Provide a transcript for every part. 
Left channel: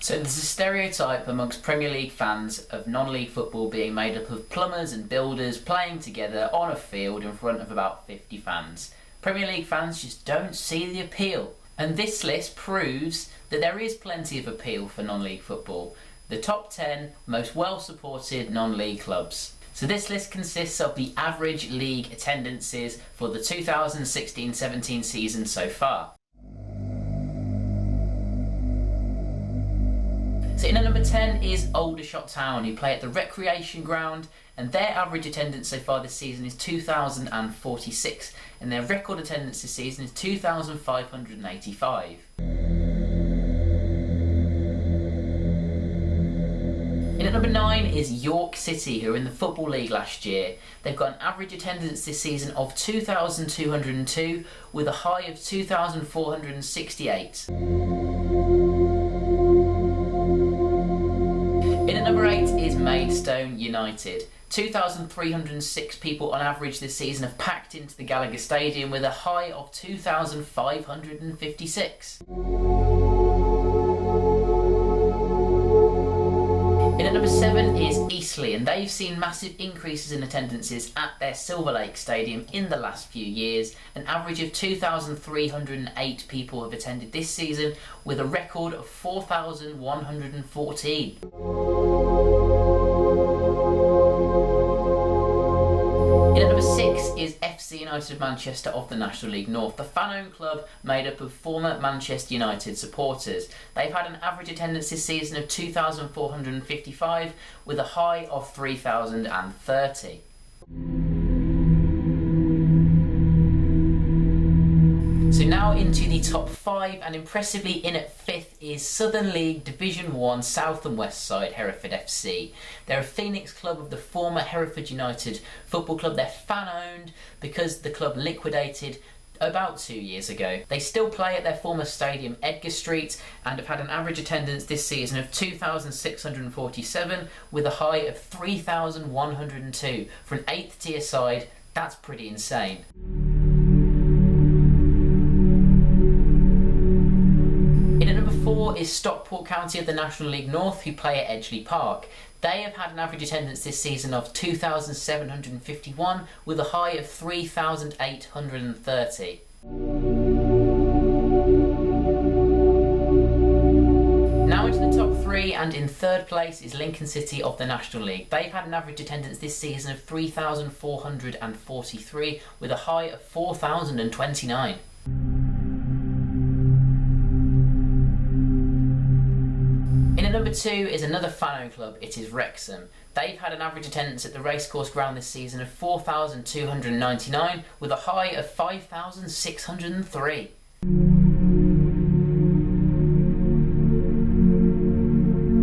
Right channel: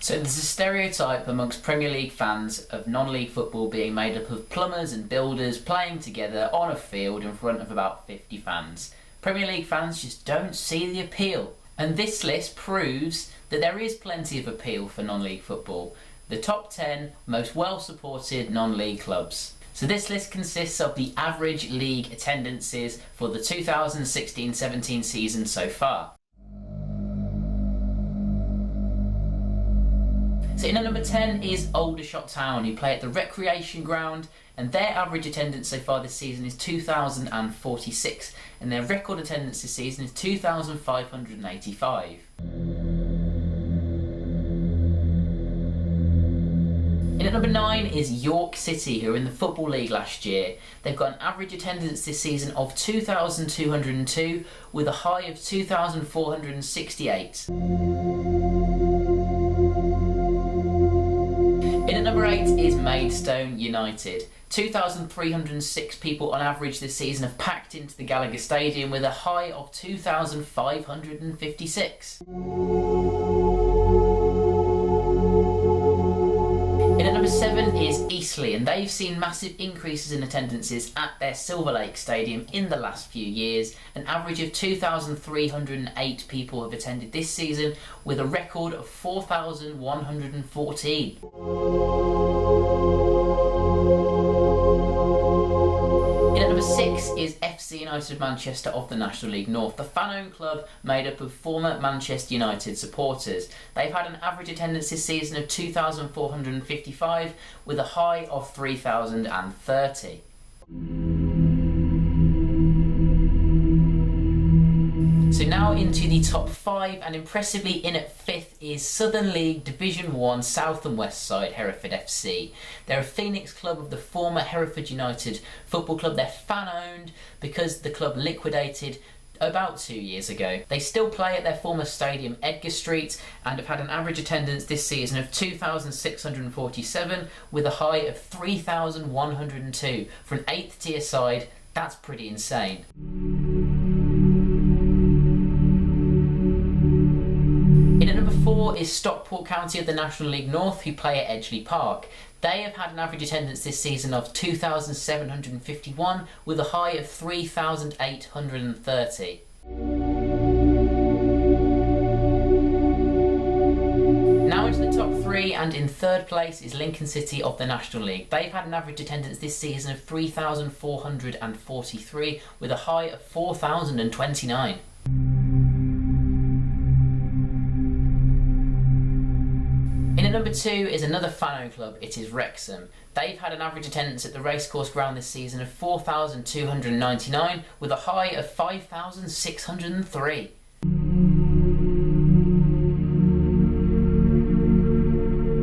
So there's a stereotype amongst Premier League fans of non-league football being made up of plumbers and builders playing together on a field in front of about 50 fans. Premier League fans just don't see the appeal. And this list proves that there is plenty of appeal for non-league football. The top 10 most well-supported non-league clubs. So this list consists of the average league attendances for the 2016-17 season so far. So in at number 10 is Aldershot Town, who play at the Recreation Ground, and their average attendance so far this season is 2,046, and their record attendance this season is 2,585. In at number 9 is York City, who were in the Football League last year. They've got an average attendance this season of 2,202 with a high of 2,468. In at number 8 is Maidstone United. 2,306 people on average this season have packed into the Gallagher Stadium with a high of 2,556. In at number 7 is Eastleigh, and they've seen massive increases in attendances at their Silver Lake Stadium in the last few years. An average of 2,308 people have attended this season with a record of 4,114. In at number 6 is FC United of Manchester of the National League North, the fan-owned club made up of former Manchester United supporters. They've had an average attendance this season of 2,455 with a high of 3,030. So now into the top 5, and impressively in at 5th is Southern League Division 1 South and West side Hereford FC. They're a Phoenix club of the former Hereford United Football Club. They're fan-owned because the club liquidated about 2 years ago. They still play at their former stadium Edgar Street and have had an average attendance this season of 2,647 with a high of 3,102. For an 8th tier side, that's pretty insane. In at number 4 is Stockport County of the National League North, who play at Edgeley Park. They have had an average attendance this season of 2,751 with a high of 3,830. Now into the top 3, and in 3rd place is Lincoln City of the National League. They've had an average attendance this season of 3,443 with a high of 4,029. In at number 2 is another fan-owned club. It is Wrexham. They've had an average attendance at the racecourse ground this season of 4,299 with a high of 5,603.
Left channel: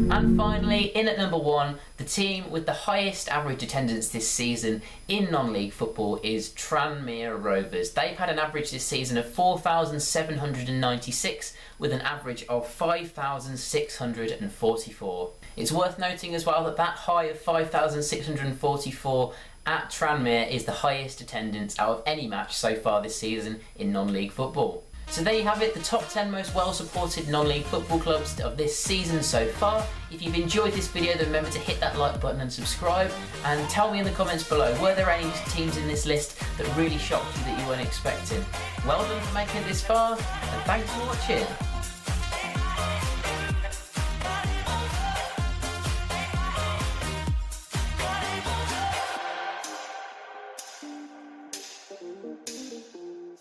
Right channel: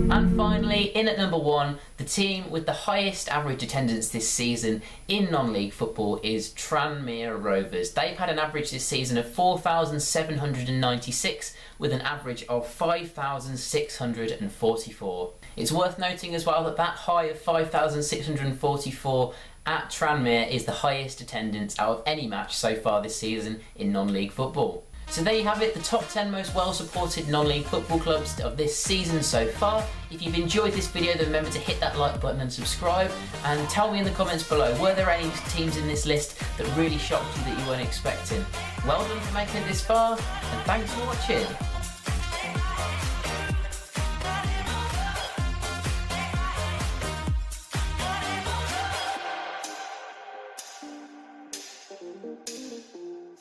And finally, in at number 1, the team with the highest average attendance this season in non-league football is Tranmere Rovers. They've had an average this season of 4,796 with an average of 5,644. It's worth noting as well that that high of 5,644 at Tranmere is the highest attendance out of any match so far this season in non-league football. So there you have it, the top 10 most well-supported non-league football clubs of this season so far. If you've enjoyed this video, then remember to hit that like button and subscribe, and tell me in the comments below, were there any teams in this list that really shocked you that you weren't expecting? Well done for making it this far, and thanks for watching.